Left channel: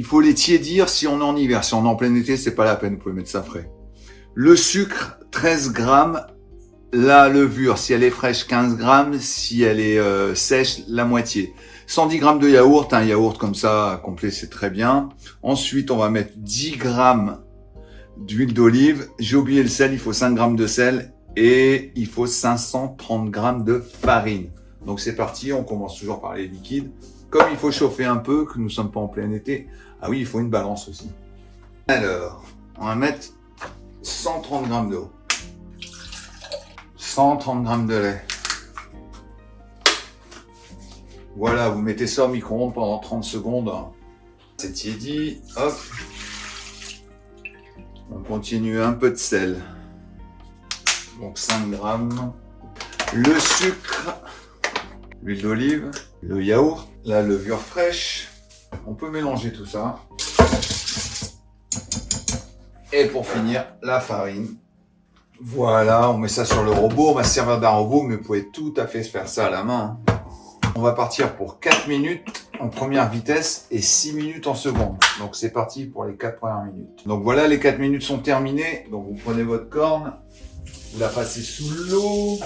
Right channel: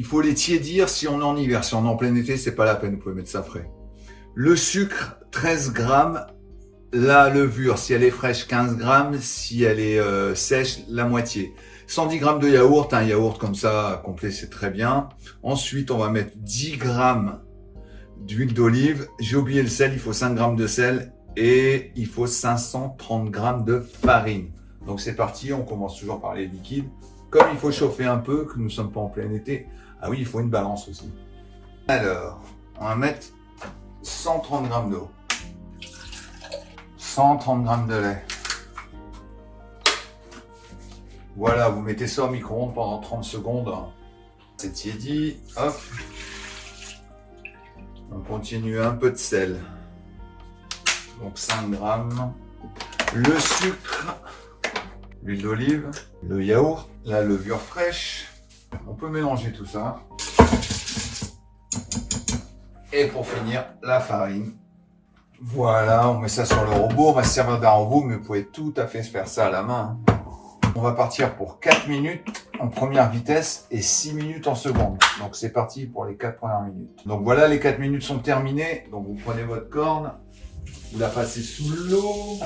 Il faut les tiédir si on est en hiver. Si on est en plein été, c'est pas la peine, vous pouvez mettre ça frais. Le sucre, 13 grammes. La levure, si elle est fraîche, 15 grammes. Si elle est sèche, la moitié. 110 grammes de yaourt. Un yaourt comme ça, complet, c'est très bien. Ensuite, on va mettre 10 grammes d'huile d'olive. J'ai oublié le sel, il faut 5 grammes de sel. Et il faut 530 grammes de farine. Donc c'est parti, on commence toujours par les liquides. Comme il faut chauffer un peu, que nous ne sommes pas en plein été, ah oui, il faut une balance aussi. Alors, on va mettre 130 grammes d'eau. 130 grammes de lait. Voilà, vous mettez ça au micro-ondes pendant 30 secondes. C'est tiédi, hop. On continue un peu de sel. Donc 5 grammes. Le sucre, l'huile d'olive, le yaourt, la levure fraîche. On peut mélanger tout ça. Et pour finir, la farine. Voilà, on met ça sur le robot. On va se servir d'un robot, mais vous pouvez tout à fait faire ça à la main. On va partir pour 4 minutes en première vitesse et 6 minutes en seconde. Donc c'est parti pour les 4 premières minutes. Donc voilà, les 4 minutes sont terminées. Donc vous prenez votre corne. Vous la passez sous l'eau.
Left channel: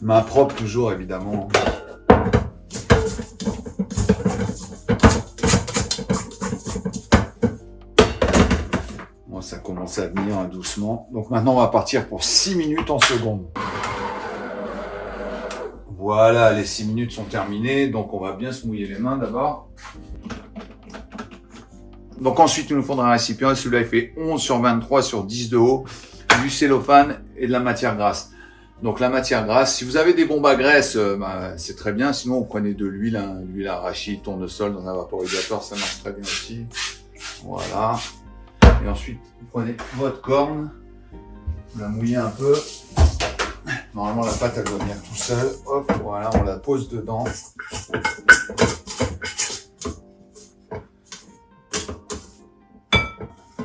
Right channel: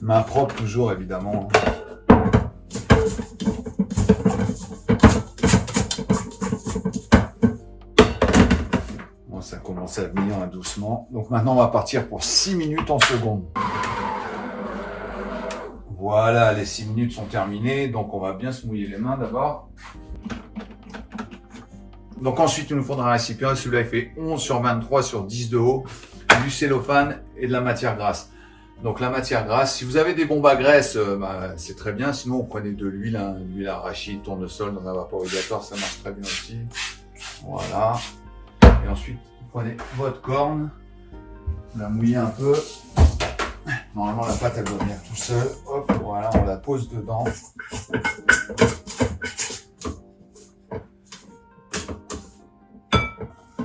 Main propre toujours, évidemment. Bon, ça commence à venir hein, doucement. Donc maintenant, on va partir pour 6 minutes en seconde. Voilà, les 6 minutes sont terminées. Donc on va bien se mouiller les mains d'abord. Donc ensuite, il nous faudra un récipient. Celui-là, il fait 11 sur 23 sur 10 de haut, du cellophane et de la matière grasse. Donc la matière grasse, si vous avez des bombes à graisse, c'est très bien. Sinon, vous prenez de l'huile, hein, l'huile arachide, tournesol dans un vaporisateur, ça marche très bien aussi. Voilà. Et ensuite, vous prenez votre corne, vous la mouillez un peu. Normalement, la pâte, elle doit venir tout seul. Hop, voilà, on la pose dedans.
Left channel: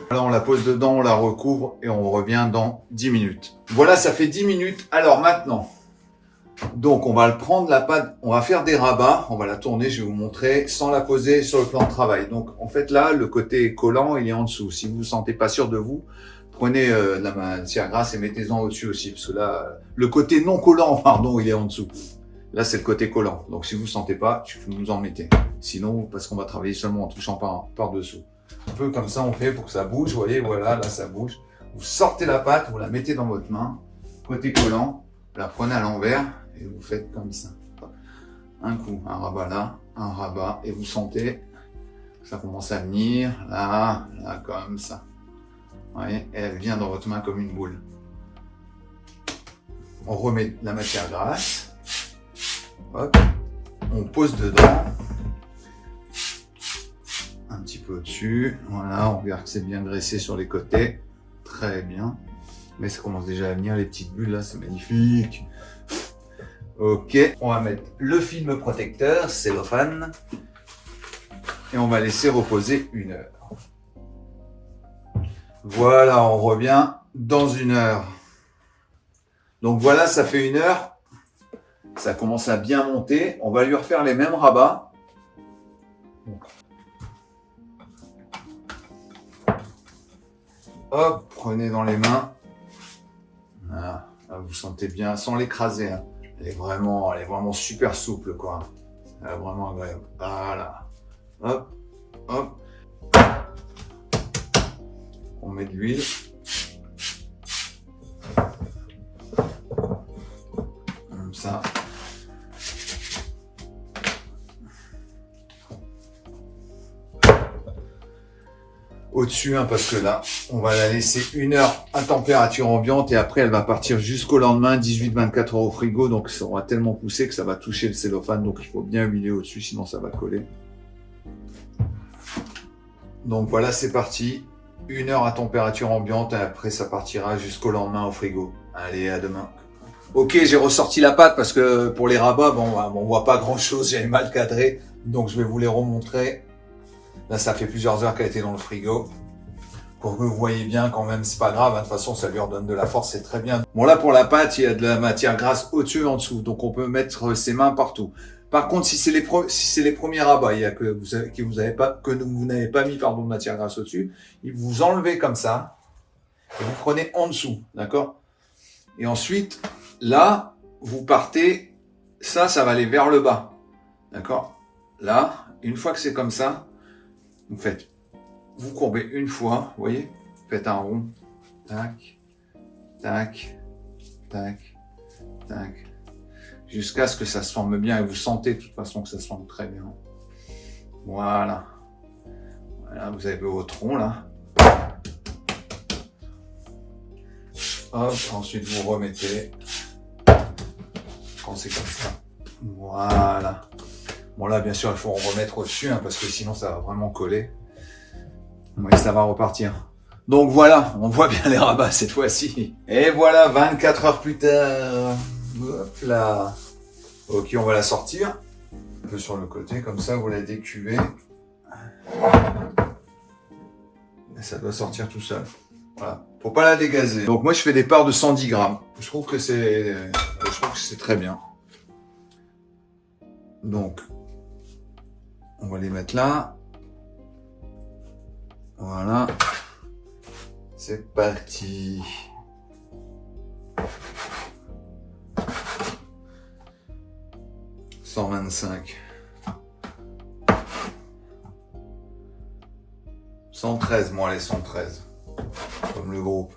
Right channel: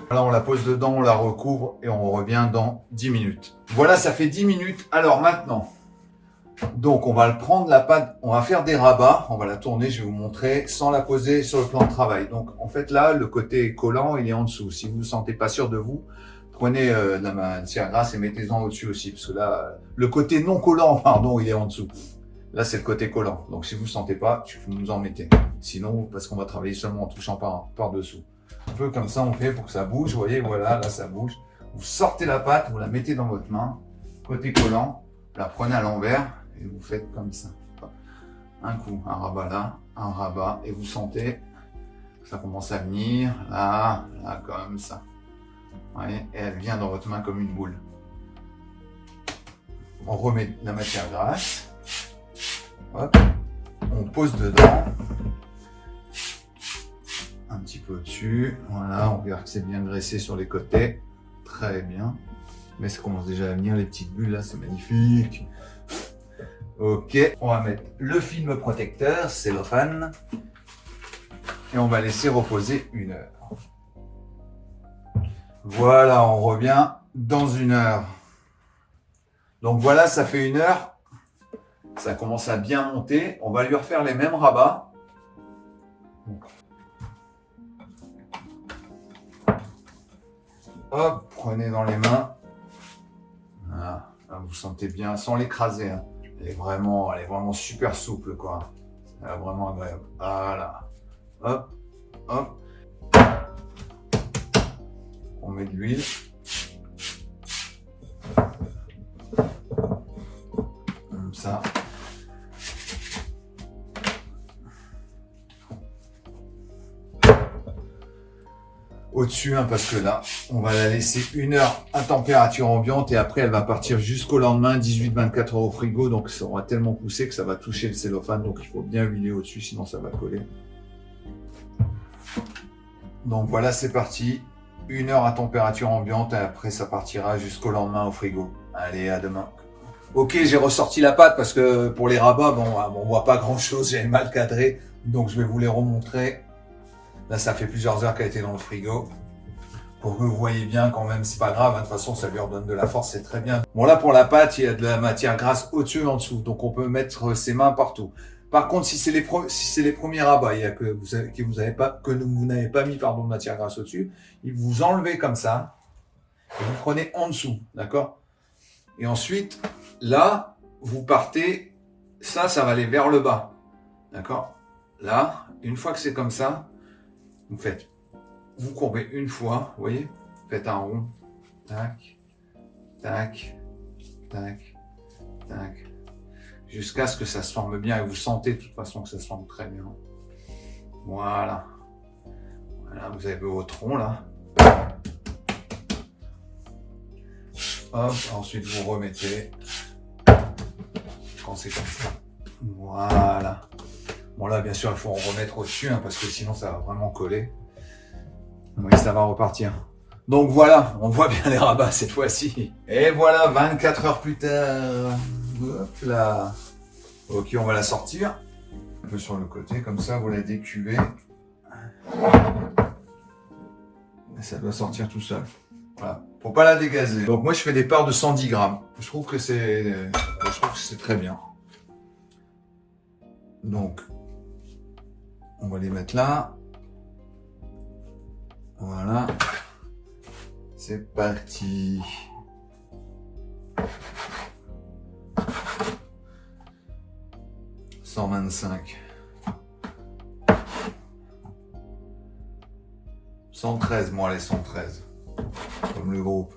Voilà, on la pose dedans, on la recouvre et on revient dans 10 minutes. Voilà, ça fait 10 minutes. Alors maintenant, donc on va le prendre la pâte, on va faire des rabats, on va la tourner, je vais vous montrer, sans la poser sur le plan de travail. Donc en fait là, le côté collant, il est en dessous. Si vous ne vous sentez pas sûr de vous, prenez de la matière grasse et mettez-en au-dessus aussi. Parce que là, le côté non collant, pardon, il est en dessous. Là, c'est le côté collant. Donc si vous ne sentez pas, vous en mettez. Sinon, parce qu'on va travailler seulement en touchant par-dessous. Un peu comme ça, on fait pour que ça bouge. Vous voyez, voilà, là, ça bouge. Vous sortez la pâte, vous la mettez dans votre main. Côté collant, vous la prenez à l'envers et vous faites comme ça. Un coup, un rabat là, un rabat. Et vous sentez que ça commence à venir. Là, là, comme ça. Vous voyez, et elle vient dans votre main comme une boule. On remet la matière grasse. Hop. On pose dedans. Un petit peu au-dessus, voilà, on verra que c'est bien graissé sur les côtés, très bien, mais ça commence déjà à venir, les petites bulles là, c'est magnifique. Ok, on va mettre le film protecteur, cellophane, et on va laisser reposer 1 heure. Voilà, on revient dans 1 heure. Donc voilà, ça fait 1 heure, ça commence à bien monter, on va lui refaire les mêmes rabats. Hop, prenez dans les mains. Voilà, vous sentez bien, sans l'écraser. Hein. Elle est vraiment super souple, quoi. Elle est vraiment agréable. Voilà. Hop, hop. On met de l'huile. Comme ça. Au-dessus, hein, parce que là, on va la laisser 1 heure à température ambiante et après, elle va partir jusqu'au lendemain, 18-24 heures au frigo. Donc, ça aura tellement poussé que ça va toucher le cellophane. Donc, il faut bien huiler au-dessus, sinon ça va coller. Donc, voilà, c'est parti. 1 heure à température ambiante et après, ça partira jusqu'au lendemain au frigo. Allez, à demain. Ok, j'ai ressorti la pâte parce que pour les rabats, bon, on voit pas grand-chose. J'avais mal cadré. Donc, je vais vous les remontrer. Là, ça fait plusieurs heures qu'elle a été dans le frigo. Pour que vous voyez bien quand même, c'est pas grave. Hein, de toute façon, ça lui redonne de la force, c'est très bien. Bon, là, pour la pâte, il y a de la matière grasse au-dessus et en dessous. Donc, on peut mettre ses mains partout. Par contre, si c'est les premiers rabats, il y a que vous n'avez pas mis pardon de matière grasse au-dessus, vous enlevez comme ça et vous prenez en dessous, d'accord? Et ensuite, là, vous partez, ça va aller vers le bas, d'accord? Là, une fois que c'est comme ça, vous courbez une fois, vous voyez? Faites un rond, tac, tac, tac, tac, jusqu'à ce que ça se forme bien et vous sentez de toute façon que ça se forme très bien. Voilà. Voilà, vous avez votre rond là. Hop, ensuite vous remettez quand c'est comme ça. Voilà. Bon là, bien sûr, il faut en remettre au-dessus hein, parce que sinon ça va vraiment coller. Oui, ça va repartir. Donc voilà, on voit bien les rabats cette fois-ci. Et voilà, 24 heures plus tard. Hop là. Ok, on va la sortir. Un peu sur le côté, comme ça, vous la décuvez. Et ça doit sortir tout seul. Voilà. Faut pas la dégazer. Donc moi, je fais des parts de 110 grammes. Je trouve que c'est très bien. Donc, on va les mettre là. Voilà. C'est parti. « 125. 113, moi allez, 113. Comme le groupe.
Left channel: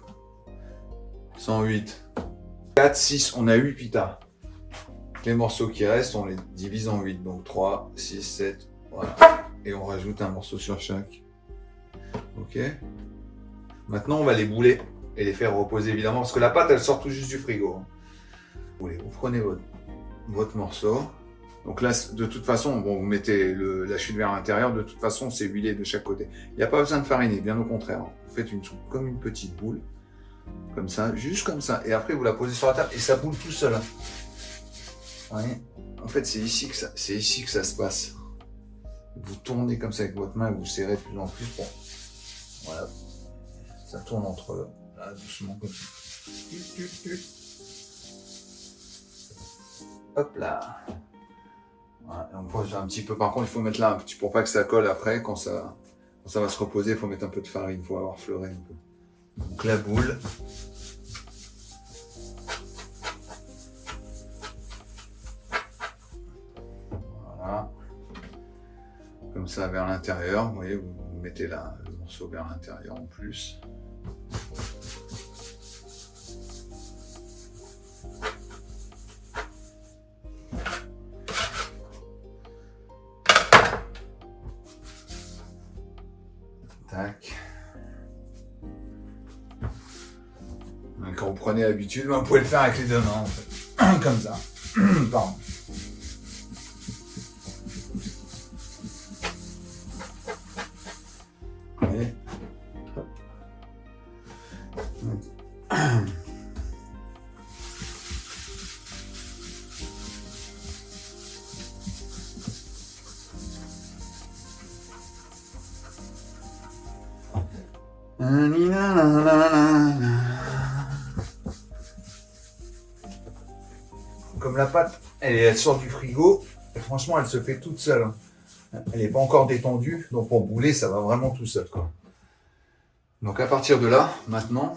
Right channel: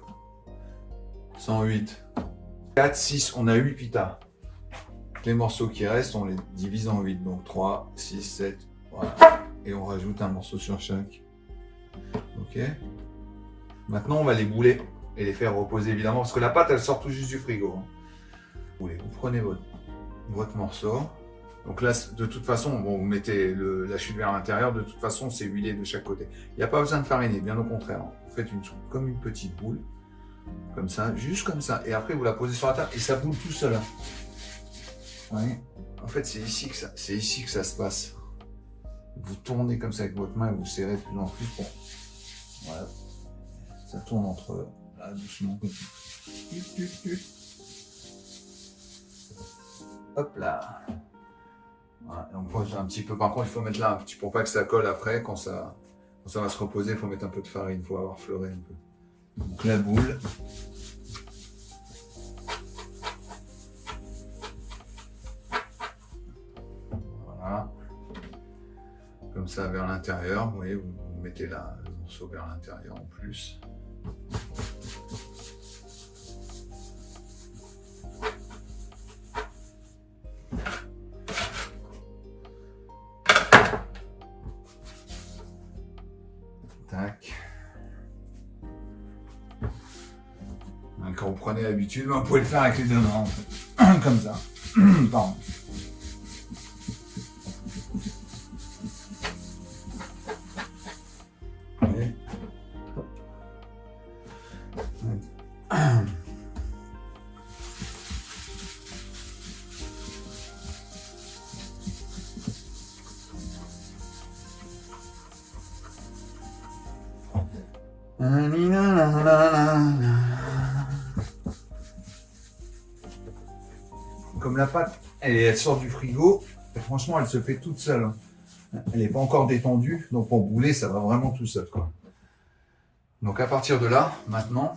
108. 4, 6, on a 8 pitas. Les morceaux qui restent, on les divise en 8. Donc 3, 6, 7, voilà. Et on rajoute un morceau sur chaque. Ok. Maintenant, on va les bouler et les faire reposer évidemment, parce que la pâte, elle sort tout juste du frigo. Vous prenez votre morceau. Donc là, de toute façon, bon, vous mettez la chute vers l'intérieur. De toute façon, c'est huilé de chaque côté. Il n'y a pas besoin de fariner, bien au contraire. Vous faites comme une petite boule, comme ça, juste comme ça. Et après, vous la posez sur la table et ça boule tout seul. Ouais. En fait, c'est ici que ça se passe. Vous tournez comme ça avec votre main et vous serrez de plus en plus. Bon. Voilà. Ça tourne entre eux. Là, doucement. Hop là. Voilà. On pose un petit peu. Par contre, il faut mettre là un petit pour pas que ça colle après. Quand ça va se reposer, il faut mettre un peu de farine. Il faut avoir fleuré un peu. Donc la boule. Voilà. Comme ça vers l'intérieur. Vous voyez, vous mettez là le morceau vers l'intérieur en plus. Tac. Quand vous prenez l'habitude, vous pouvez le faire avec les deux mains en fait. Comme ça. Pardon. Comme la pâte, elle sort du frigo, et franchement, elle se fait toute seule. Elle n'est pas encore détendue, donc pour bouler, ça va vraiment tout seul, quoi. Donc à partir de là, maintenant,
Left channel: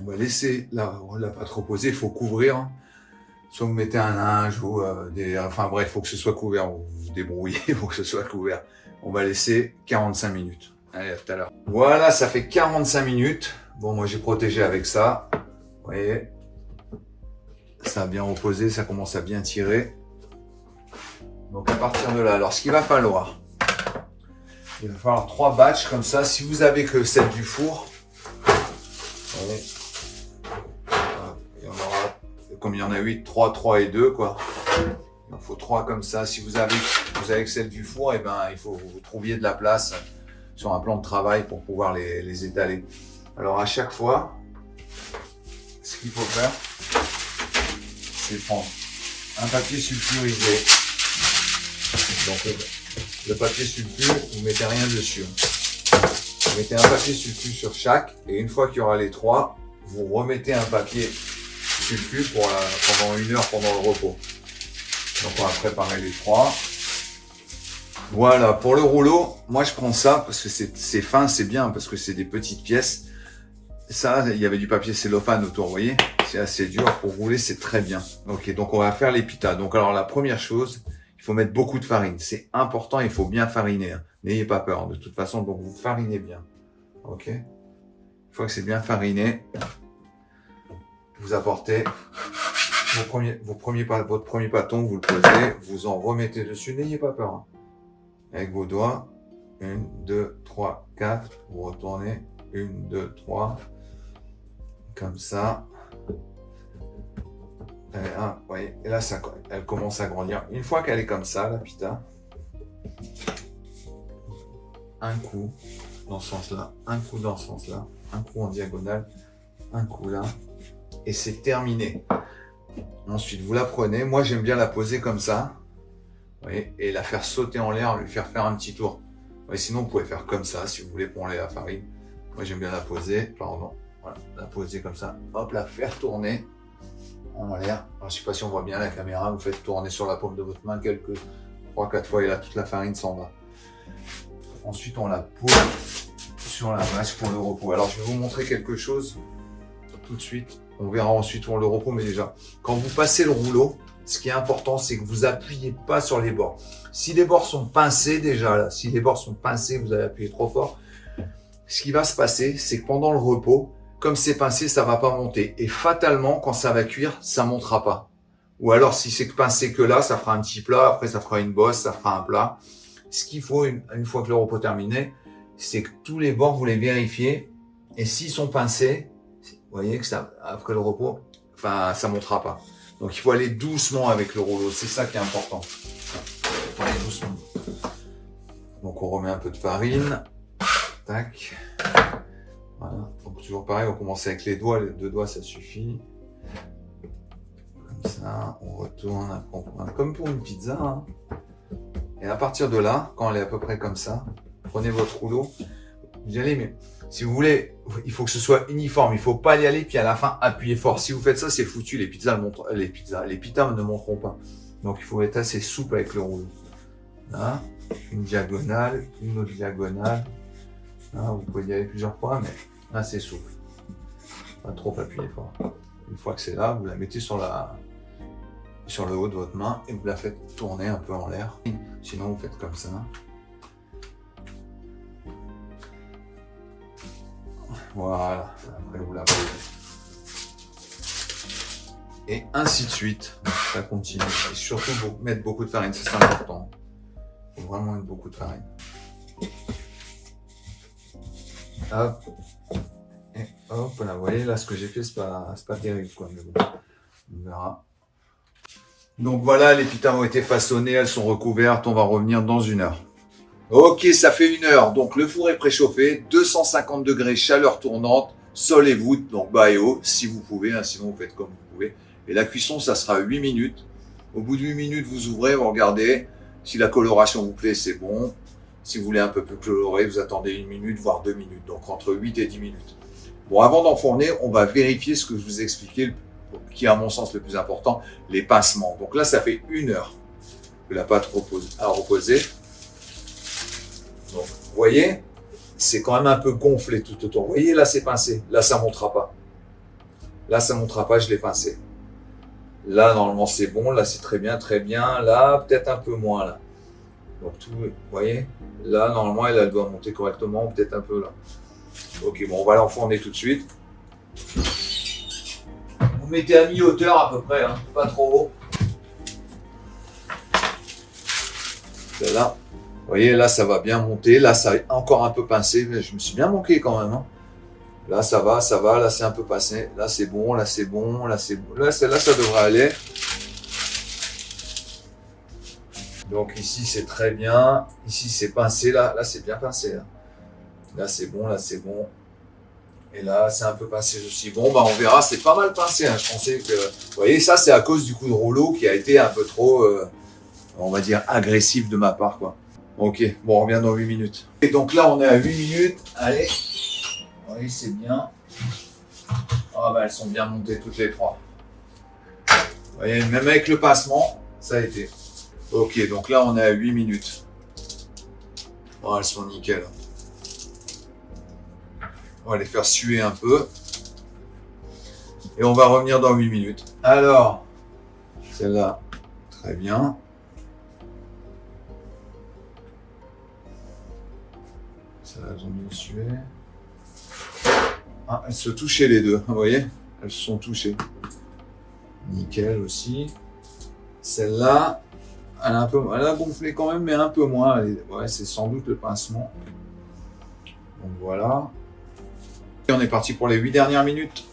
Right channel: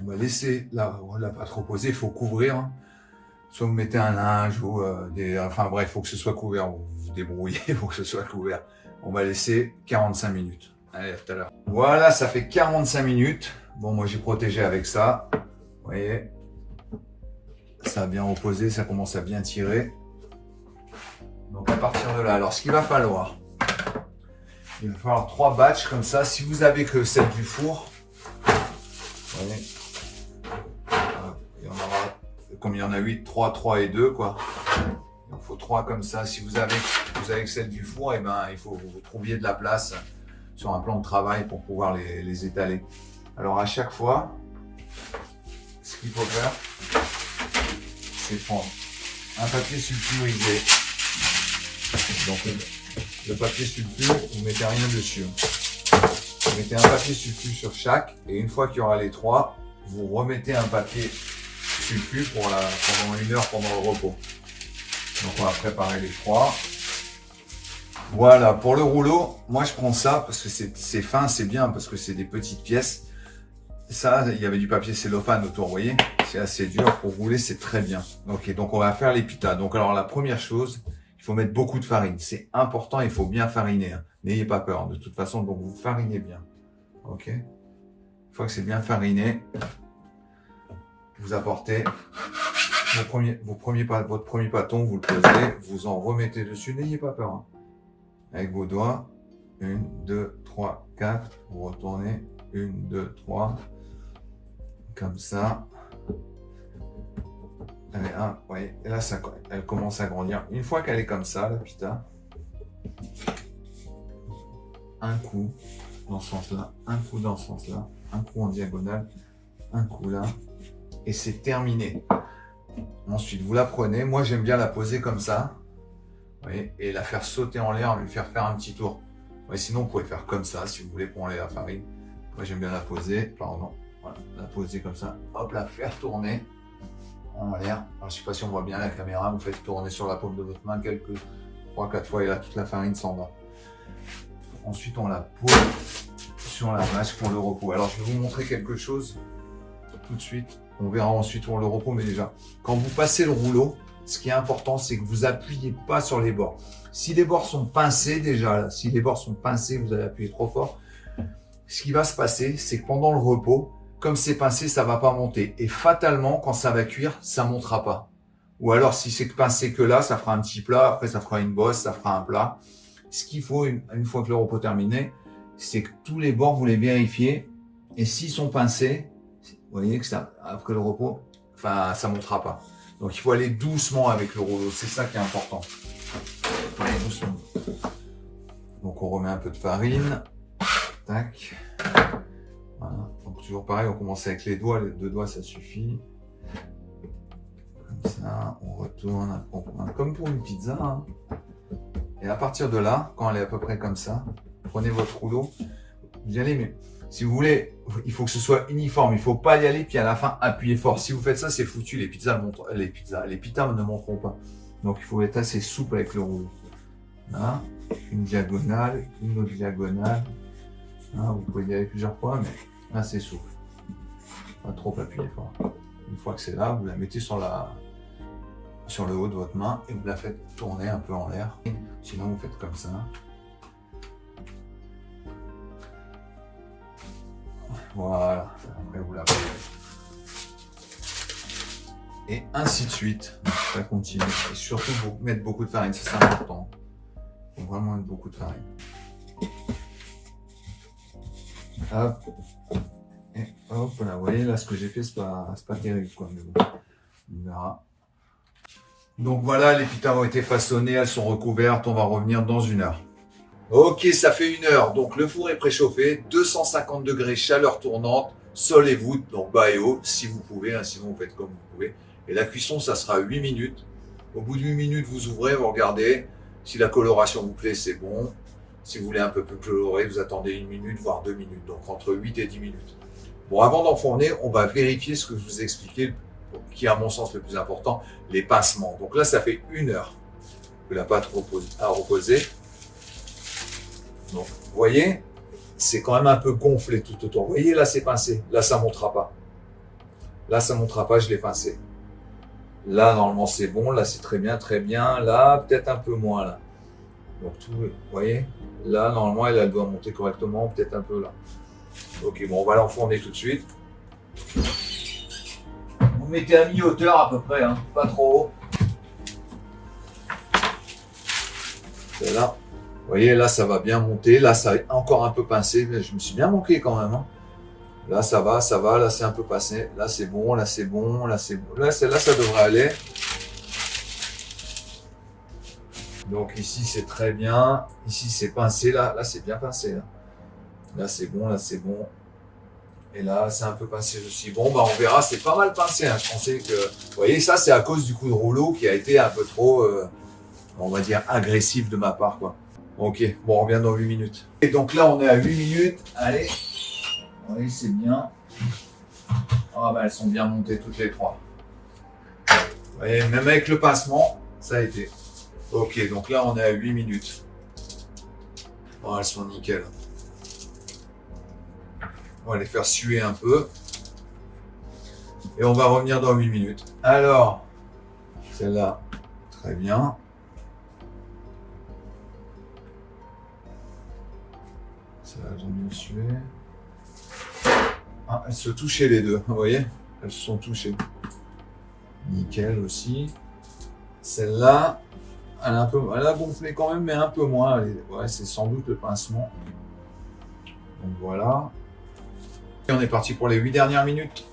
on va laisser la pâte reposer. Il faut couvrir. Soit vous mettez un linge ou enfin bref, il faut que ce soit couvert. Vous vous débrouillez, il faut que ce soit couvert. On va laisser 45 minutes. Allez, à tout à l'heure. Voilà, ça fait 45 minutes. Bon, moi j'ai protégé avec ça. Vous voyez, ça a bien reposé, ça commence à bien tirer. Donc à partir de là, alors ce qu'il va falloir, il va falloir 3 batchs comme ça. Si vous avez que celle du four, vous voyez, il y en aura, comme il y en a 8, 3 et 2 quoi. Il en faut 3 comme ça. Si vous avez que celle du four, et ben il faut que vous trouviez de la place sur un plan de travail pour pouvoir les étaler. Alors à chaque fois, ce qu'il faut faire, c'est prendre un papier sulfurisé. Donc le papier sulfure, vous mettez rien dessus. Vous mettez un papier sulfure sur chaque, et une fois qu'il y aura les 3, vous remettez un papier sulfure pendant 1 heure pendant le repos. Donc on va préparer les trois. Voilà, pour le rouleau, moi je prends ça parce que c'est fin, c'est bien, parce que c'est des petites pièces. Ça, il y avait du papier cellophane autour, vous voyez. C'est assez dur pour rouler, c'est très bien. Ok, donc on va faire les pitas. Donc alors la première chose, il faut mettre beaucoup de farine. C'est important, il faut bien fariner. Hein. N'ayez pas peur, de toute façon, donc vous farinez bien. Ok. Une fois que c'est bien fariné, vous apportez votre premier pâton, vous le posez, vous en remettez dessus, n'ayez pas peur. Hein. Avec vos doigts, 1, 2, 3, 4, vous retournez, 1, 2, 3, comme ça. Allez, un, vous voyez, et là, ça, elle commence à grandir. Une fois qu'elle est comme ça, la pita, un coup dans ce sens-là, un coup dans ce sens-là, un coup en diagonale, un coup là, et c'est terminé. Ensuite, vous la prenez. Moi, j'aime bien la poser comme ça. Vous voyez, et la faire sauter en l'air, lui faire faire un petit tour. Ouais, sinon, vous pouvez faire comme ça si vous voulez pour enlever la farine. Moi, j'aime bien la poser. Pardon. Voilà, la poser comme ça. Hop, la faire tourner en l'air. Je ne sais pas si on voit bien la caméra. Vous faites tourner sur la paume de votre main quelques 3-4 fois et là, toute la farine s'en va. Ensuite, on la pose sur la vache pour le repos. Alors, je vais vous montrer quelque chose tout de suite. On verra ensuite pour le repos, mais déjà, quand vous passez le rouleau, ce qui est important, c'est que vous appuyez pas sur les bords. Si les bords sont pincés déjà, là, si les bords sont pincés, vous allez appuyer trop fort. Ce qui va se passer, c'est que pendant le repos, comme c'est pincé, ça va pas monter. Et fatalement, quand ça va cuire, ça montera pas. Ou alors, si c'est pincé que là, ça fera un petit plat. Après, ça fera une bosse, ça fera un plat. Ce qu'il faut, une fois que le repos est terminé, c'est que tous les bords, vous les vérifiez. Et s'ils sont pincés, vous voyez que ça, après le repos, enfin, ça montera pas. Donc, il faut aller doucement avec le rouleau. C'est ça qui est important. Il faut aller doucement. Donc, on remet un peu de farine. Tac. Voilà. Donc, toujours pareil, on commence avec les doigts. Les 2 doigts, ça suffit. Comme ça, on retourne. Comme pour une pizza. Hein. Et à partir de là, quand elle est à peu près comme ça, prenez votre rouleau. Vous y allez, mais si vous voulez, il faut que ce soit uniforme. Il ne faut pas y aller, puis à la fin, appuyer fort. Si vous faites ça, c'est foutu. Les pitas ne monteront pas. Donc, il faut être assez souple avec le rouleau. Là, une diagonale, une autre diagonale. Là, vous pouvez y aller plusieurs fois, mais là, c'est souple. Pas trop appuyer fort. Une fois que c'est là, vous la mettez sur le haut de votre main et vous la faites tourner un peu en l'air. Sinon, vous faites comme ça. Voilà. Après, vous la posez. Et ainsi de suite. Ça continue. Et surtout, mettre beaucoup de farine, c'est important. Il faut vraiment mettre beaucoup de farine. Hop. Et hop, là, vous voyez, là, ce que j'ai fait, c'est pas terrible, quoi. Mais bon, on verra. Donc voilà, les pitas ont été façonnées, elles sont recouvertes. On va revenir dans 1 heure. Ok, ça fait 1 heure. Donc le four est préchauffé, 250 degrés, chaleur tournante, sol et voûte, donc bas et haut, si vous pouvez, hein, sinon vous faites comme vous pouvez. Et la cuisson, ça sera 8 minutes. Au bout de 8 minutes, vous ouvrez, vous regardez. Si la coloration vous plaît, c'est bon. Si vous voulez un peu plus coloré, vous attendez 1 minute, voire 2 minutes. Donc entre 8 et 10 minutes. Bon, avant d'enfourner, on va vérifier ce que je vous ai expliqué, qui est à mon sens le plus important, les pincements. Donc là, ça fait 1 heure que la pâte a reposé. Donc, vous voyez, c'est quand même un peu gonflé tout autour. Vous voyez, là, c'est pincé. Là, ça ne montera pas. Là, ça ne montera pas, je l'ai pincé. Là, normalement, c'est bon. Là, c'est très bien, très bien. Là, peut-être un peu moins, là. Donc, tout, vous voyez, là, normalement, elle doit monter correctement, peut-être un peu là. Ok, bon, on va l'enfourner tout de suite. Vous mettez à mi-hauteur à peu près, hein, pas trop haut. C'est là. Vous voyez, là, ça va bien monter. Là, ça est encore un peu pincé. Mais je me suis bien manqué quand même. Hein. Là, ça va. Là, c'est un peu pincé. Là, c'est bon. Là, c'est bon. Là, c'est bon. Là, ça devrait aller. Donc, ici, c'est très bien. Ici, c'est pincé. Là, c'est bien pincé. Là, c'est bon. Là, c'est bon. Et là, c'est un peu pincé aussi. Bon, bah, on verra. C'est pas mal pincé. Hein. Je pensais que... Vous voyez, ça, c'est à cause du coup de rouleau qui a été un peu trop, on va dire, agressif de ma part, quoi. Ok, bon, on revient dans 8 minutes. Et donc là, on est à 8 minutes. Allez. Oui, c'est bien. Ah bah, elles sont bien montées toutes les trois. Vous voyez, même avec le pincement, Ça a été. Ok, donc là on est à 8 minutes. Bon, elles sont nickel. On va les faire suer un peu. Et on va revenir dans 8 minutes. Alors, celle-là, très bien. Celle-là, elles ont bien sué. Ah, elles se touchaient les deux, vous voyez? Elles se sont touchées. Nickel aussi. Celle-là, elle a gonflé quand même, mais un peu moins. Ouais, c'est sans doute le pincement. Donc voilà. Et on est parti pour les 8 dernières minutes.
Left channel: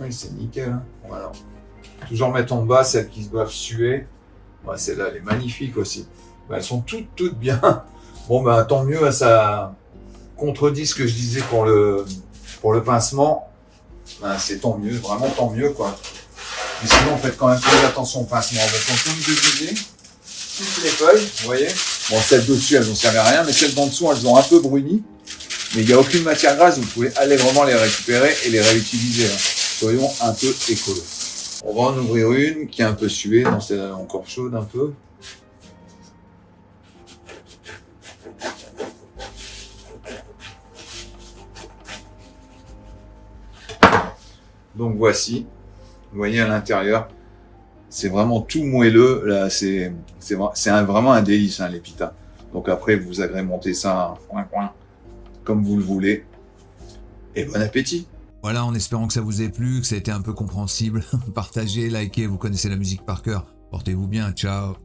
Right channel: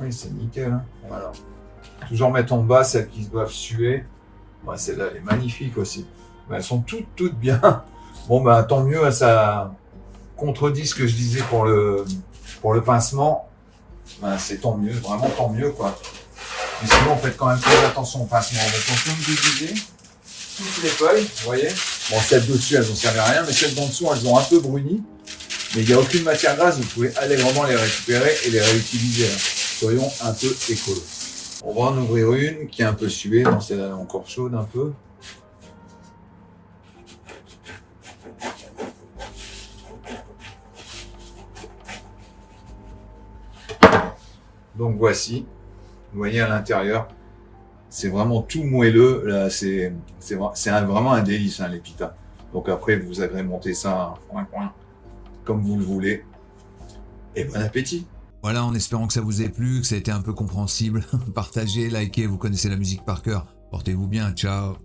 Oui, c'est nickel. Hein. Voilà. Toujours mettre en bas celles qui doivent suer. Ouais, celle-là, elle est magnifique aussi. Elles sont toutes bien. Bon, bah, tant mieux, ça contredit ce que je disais pour le pincement. Ben, c'est tant mieux, vraiment tant mieux, quoi. Mais sinon, faites quand même très attention au pincement. Donc, comme je disais, toutes les feuilles, vous voyez. Bon, celles dessus, elles n'ont servi à rien, mais celles d'en dessous, elles ont un peu bruni. Mais il n'y a aucune matière grasse, vous pouvez allègrement les récupérer et les réutiliser. Hein. Soyons un peu écolos. On va en ouvrir une qui est un peu suée, non, celle-là est encore chaude un peu. Donc voici, vous voyez à l'intérieur, c'est vraiment tout moelleux, là, c'est vraiment un délice, hein, les pitas. Donc après, vous agrémentez ça comme vous le voulez, et bon appétit. Voilà, en espérant que ça vous ait plu, que ça a été un peu compréhensible. Partagez, likez, vous connaissez la musique par cœur. Portez-vous bien, ciao.